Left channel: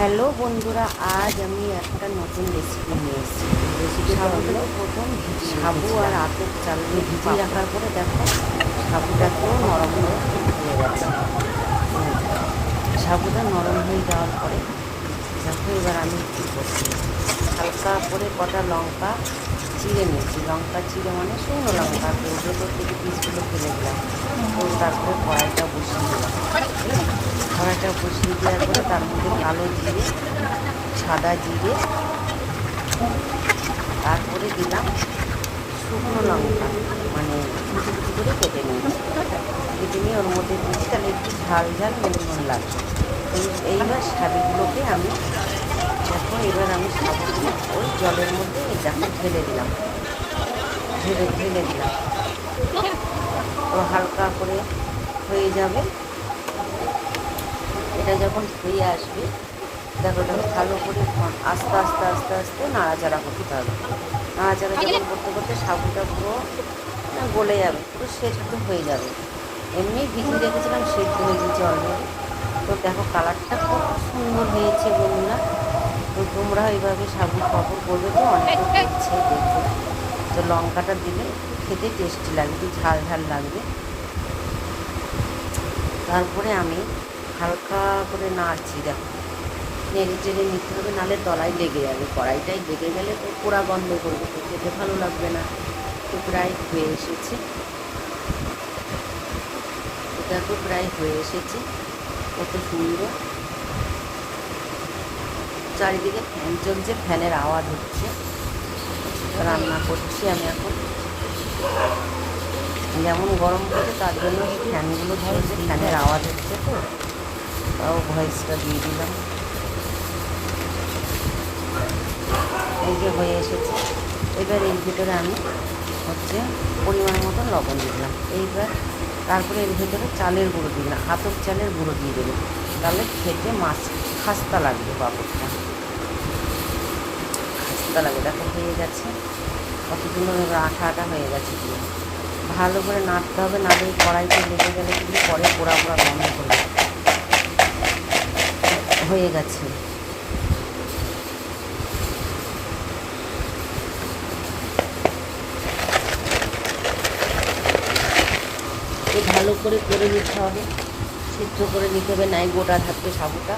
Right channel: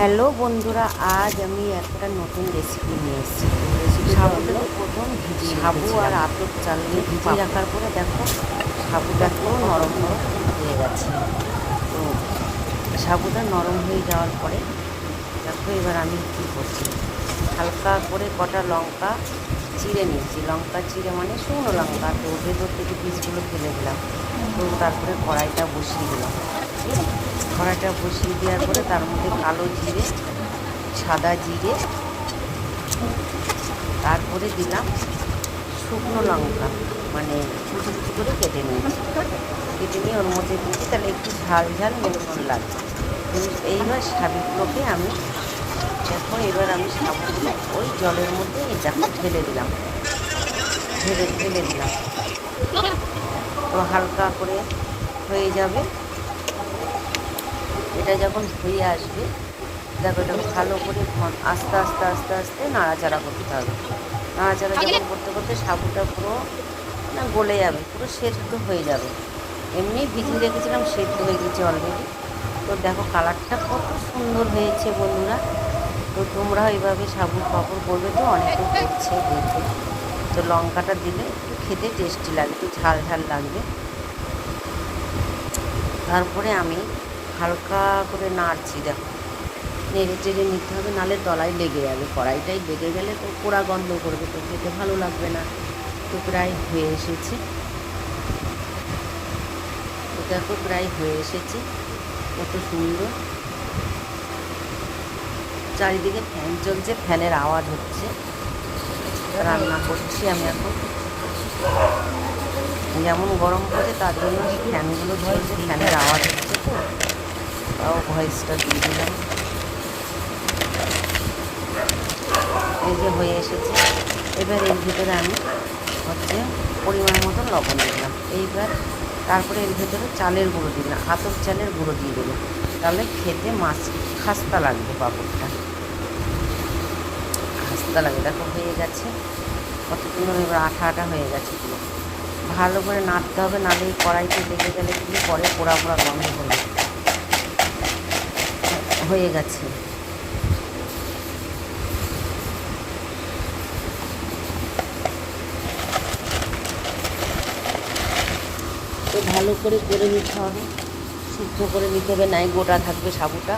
Hello বন্ধুরা, আজ আমি একটা নতুন রেসিপি নিয়ে এসেছি। রেসিপিটা হলো প্রথম সাবু আর আতপ চাল নিয়ে ভিজিয়ে রাখার পরে দেখো সাবুটাকেও নরম নরম হয়ে গেছে। সাবুটা নরম হয়ে যাওয়ার পরে দেখো এবার আমি কী করছি, হালকা করে কটা লঙ্কা চিড়ে নিয়েছি। লঙ্কা চিড়ে মানে শুকনো লঙ্কা, তো ওদের থেকে পিসগুলো ফেলে দিলাম। তো তারপরে কড়াইটা বসিয়ে দিলাম। কড়াইটা বসিয়ে দেওয়ার পরে তার মধ্যে কালো জিরে, সাদা জিরে, তারপরে দিলাম শুকনো লঙ্কা, মানে কুচি কুচি করে কেটে নিয়েছি। কেটে নিয়ে ওর মধ্যে দিয়েছি, তাহলে একটু ঝাল ঝাল মনে লাগবে। এইবার সাবুগুলোকে আমি এবার আমি সাবুগুলো ওই জলের মধ্যে দেখো ঢেলে দিলাম, ঢেলে দিলাম। তো হালকা করে হয়ে যাবে। এটা যখন হয়ে আসবে দেখো, এটা ভালো করে আস্তে আস্তে আস্তে আস্তে নাড়াচাড়া করতে হবে। নাড়াচাড়া যখন করতে করতে সাবুটা পুরো গলে যাবে, পুরো সেদ্ধ হয়ে যাবে। এমনি ভিজিয়ে রেখেছিলাম, সেদ্ধ হয়ে গেছে অলরেডি। তো দেখো কালারটা খুব সুন্দর হয়েছে বন্ধুরা। তো তোমরা এইভাবে সাবুর পাঁপড় করবে, তো অনেকে করছে দেখে। তো লঙ্কাটা দিলে একটু খেতে টেস্টি লাগবে, ঝাল ঝাল লাগবে। তারপরে আমি হালকা করে নাড়ছি, দেখো নেড়ে চেড়ে নিতে হবে, নাহলে তলায় লেগে যাবে। কড়াইটায় লেগে গেলে তো পোড়া গন্ধ করবে, তো খেতে ভালো লাগবে না। তো প্রায় হয়ে এসেছে, এটাকে প্রায় হয়ে এসেছে। কত সুন্দর চারিদিকে ফ্যান চলছে, ফ্যানের আওয়াজ হচ্ছে। রান্না করছি আমি এখন, যেমন গরম পড়ে তার জন্য ফ্যানগুলো ধরছে, ফ্যানের আওয়াজ হচ্ছে। তো তাও ভয়েসটা দিয়ে দিলাম। এই যে হয়ে এসেছে। এবার এর ভিতরে আমি পরিমাণ মতো লবণ দিলাম। এইবার তারপরে এর ভিতরে চালের গুঁড়ো দিলাম, আতপ চালের গুঁড়ো দিয়ে দেবে, তাহলে খেতে মাছ খাস্তা লাগবে। পাঁপড়টা খাস্তা লাগে। দেখো হয়ে গেছে, কত সুন্দর আঠা আঠা হয়ে গেছে। পুরো ভালো করে নাড়তে হবে, নাহলে এই কড়াইতে লেগে গেলে কিন্তু পরে পোড়া পোড়া গন্ধ করবে। হয়ে গেছে। ভালো করে নিতে হবে, সিদ্ধ করে নিতে হবে, নাই গোটা থাকবে সাবুটা।